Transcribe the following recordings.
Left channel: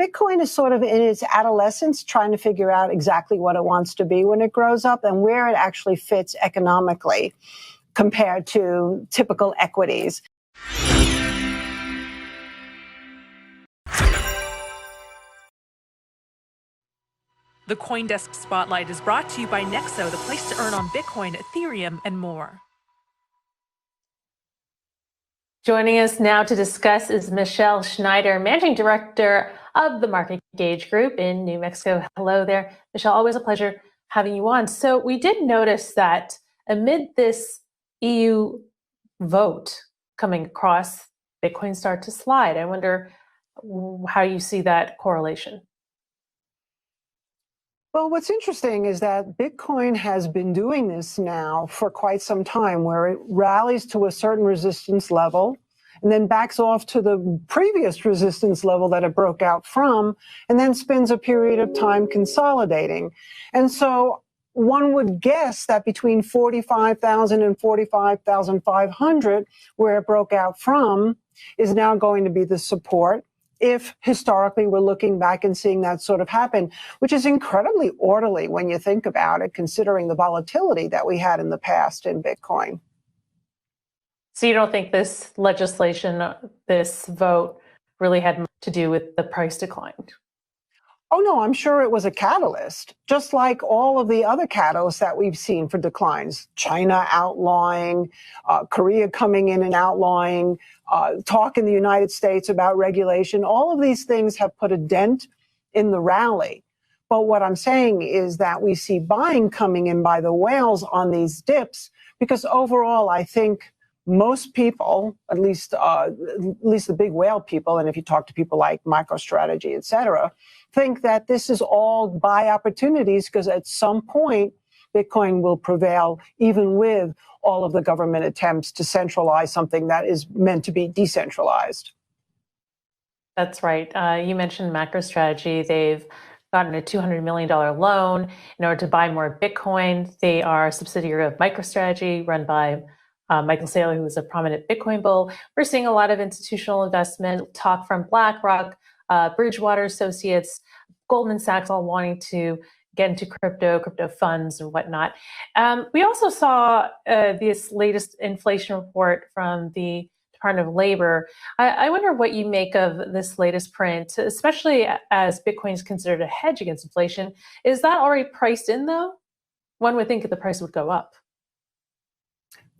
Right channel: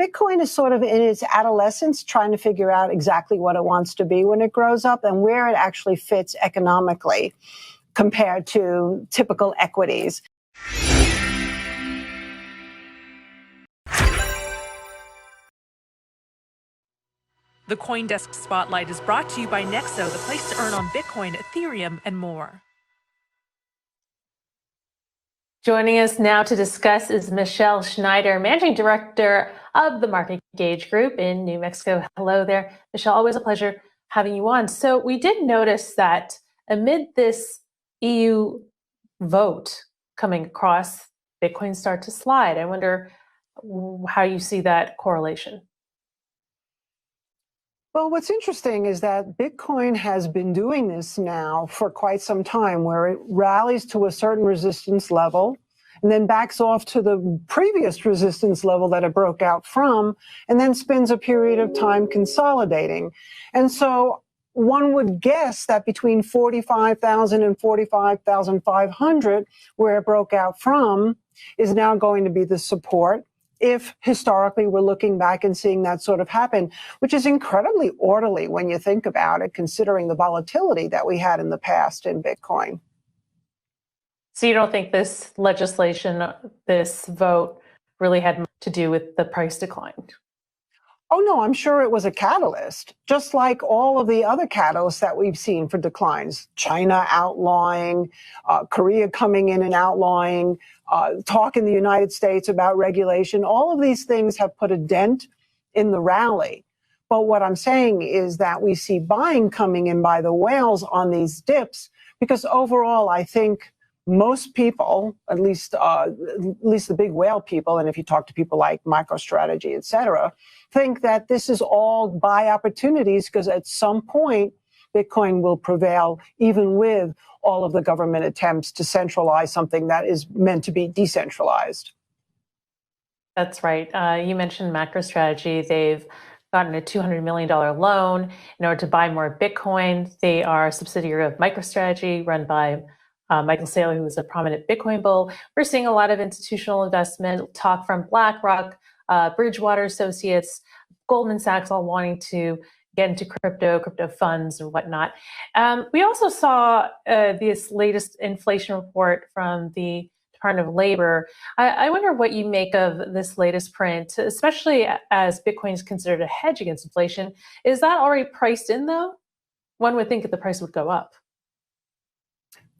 Bitcoin is sort of in its adolescence, trying to figure out exactly what it wants to be when it grows up and where it actually fits economically compared to typical equities. The CoinDesk Spotlight is brought to you by Nexo, the place to earn on Bitcoin, Ethereum, and more. Joining us now to discuss is Michele Schneider, Managing Director of the MarketGauge Group in New Mexico. Hello there, Michele. Always a pleasure having you on. So we did notice that amid this EU vote coming across, Bitcoin start to slide. I wonder how you see that correlation. Well, what's interesting is that Bitcoin has been doing this now for quite some time, where it rallies to a certain resistance level and then backs off to the previous resistance level that it broke out from, and then spends a period of time consolidating. And so one would guess that between 45,000 and 45,500, where it broke out from, is now going to be the support. If historically we're looking back and seeing that sort of happen, which is incredibly orderly when you think about it, considering the volatility that we had in the past in Bitcoin. So you don't think this legislation, this vote, really had to do with the price decline? Oh, no, I'm sure it was a catalyst, just like all of the other catalysts that we've seen for declines. China outlawing, Korea coming in and outlawing, talk in the United States about regulation. All of these things have put a dent in the rally. But what I'm saying is that we see buying coming in by the whales on these dips, because overall, I think most people, at least the big whale people, and if you talk to people like MicroStrategy, et cetera, think that this is all buy opportunities, because at some point, Bitcoin will prevail, even with all of the government attempts to centralize something that is meant to be decentralized. That's right. You mentioned MicroStrategy. They've gotten a $200 million loan in order to buy more Bitcoin. They are a subsidiary of MicroStrategy, run by Michael Saylor, who is a prominent Bitcoin bull. We're seeing a lot of institutional investment, talk from BlackRock, Bridgewater Associates, Goldman Sachs, all wanting to get into crypto funds and whatnot. We also saw this latest inflation report from the Department of Labor. I wonder what you make of this latest print, especially as Bitcoin is considered a hedge against inflation. Is that already priced in, though? One would think that the price would go up.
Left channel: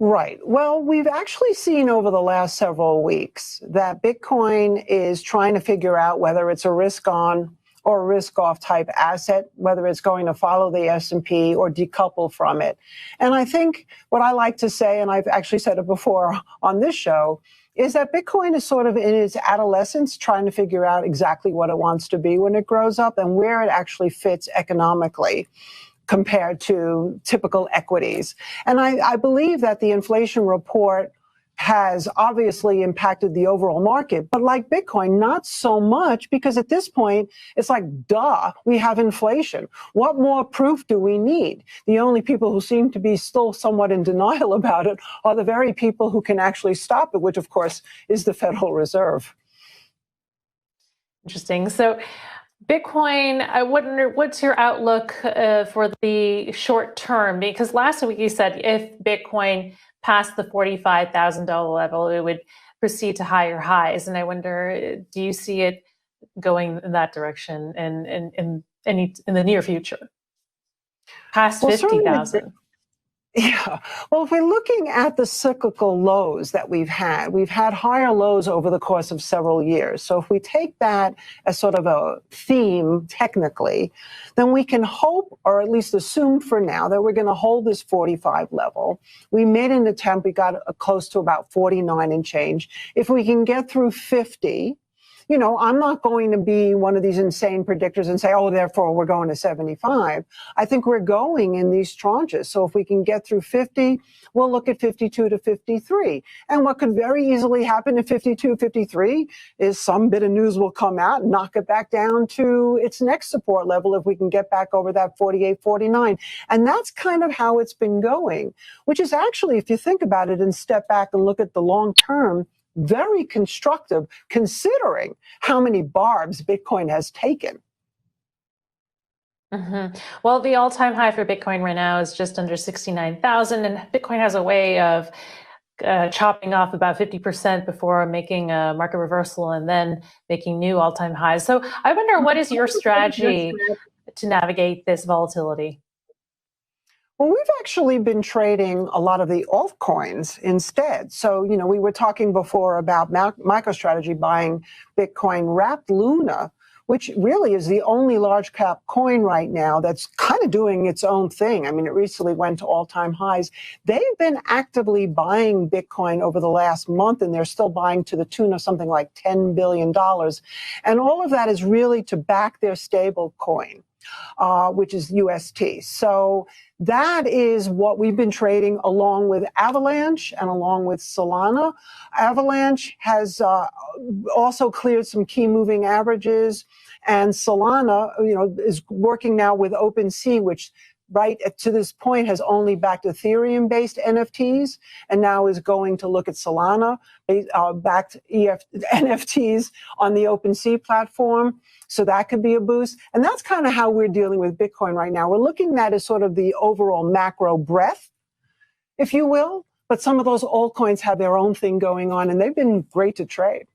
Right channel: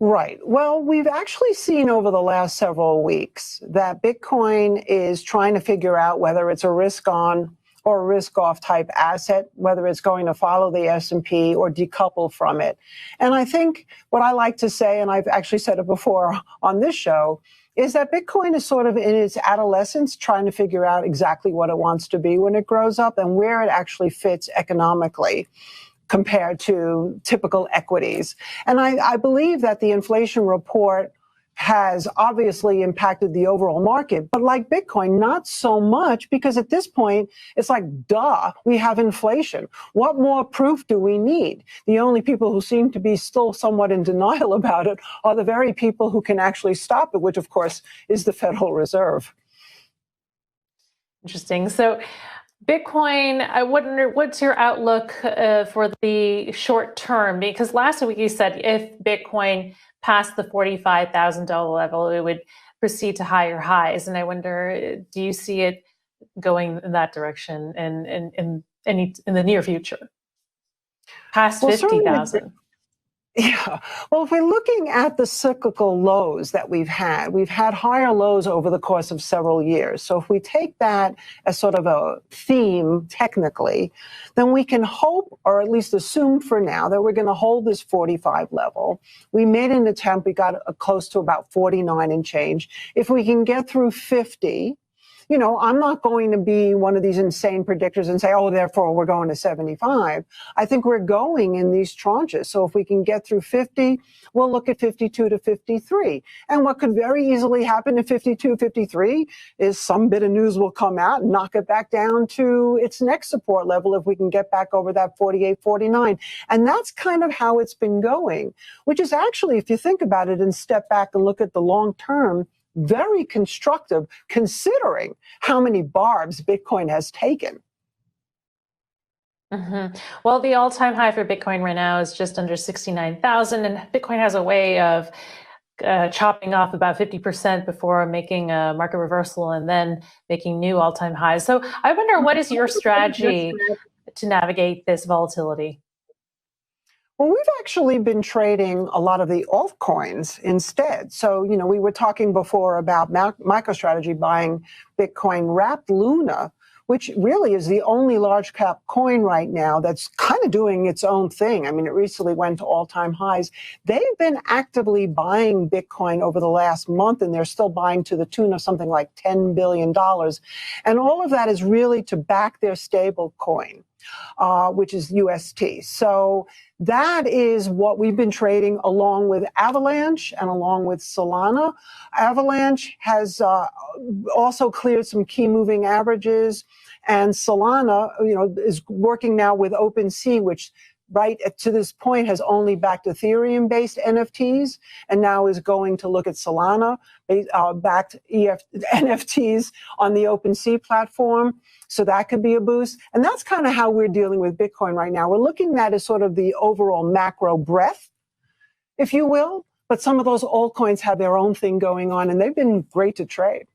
Right. Well, we've actually seen over the last several weeks that Bitcoin is trying to figure out whether it's a risk on or a risk off type asset, whether it's going to follow the S&P or decouple from it. And I think what I like to say, and I've actually said it before on this show, is that Bitcoin is sort of in its adolescence, trying to figure out exactly what it wants to be when it grows up and where it actually fits economically compared to typical equities. And I believe that the inflation report has obviously impacted the overall market, but like Bitcoin, not so much, because at this point, it's like, duh, we have inflation. What more proof do we need? The only people who seem to be still somewhat in denial about it are the very people who can actually stop it, which of course is the Federal Reserve. Interesting. So Bitcoin, I wonder, what's your outlook for the short term? Because last week you said if Bitcoin passed the $45,000 level, it would proceed to higher highs. And I wonder, do you see it going in that direction in the near future? Past 50,000? Yeah. Well, if we're looking at the cyclical lows that we've had higher lows over the course of several years. So if we take that as sort of a theme technically, then we can hope, or at least assume for now, that we're going to hold this 45 level. We made an attempt. We got close to about 49 and change. If we can get through 50, you know, I'm not going to be one of these insane predictors and say, oh, therefore we're going to 75. I think we're going in these tranches. So if we can get through 50, we'll look at 52 to 53. And what could very easily happen at 52, 53 is some bit of news will come out and knock it back down to its next support level if we can get back over that 48, 49. And that's kind of how it's been going, which is actually, if you think about it and step back and look at the long term, very constructive considering how many barbs Bitcoin has taken. Well, the all-time high for Bitcoin right now is just under 69,000, and Bitcoin has a way of chopping off about 50% before making a market reversal and then making new all-time highs. So I wonder, what is your strategy to navigate this volatility? Well, we've actually been trading a lot of the altcoins instead. So, we were talking before about MicroStrategy buying Bitcoin wrapped Luna, which really is the only large cap coin right now that's kind of doing its own thing. I mean, it recently went to all-time highs. They've been actively buying Bitcoin over the last month, and they're still buying to the tune of something like $10 billion. And all of that is really to back their stable coin, which is UST. So that is what we've been trading along with Avalanche and along with Solana. Avalanche has also cleared some key moving averages, and Solana, is working now with OpenSea, which right to this point has only backed Ethereum-based NFTs, and now is going to look at Solana-backed NFTs on the OpenSea platform. So that could be a boost. And that's kind of how we're dealing with Bitcoin right now. We're looking at it as sort of the overall macro breadth, if you will. But some of those altcoins have their own thing going on, and they've been great to trade.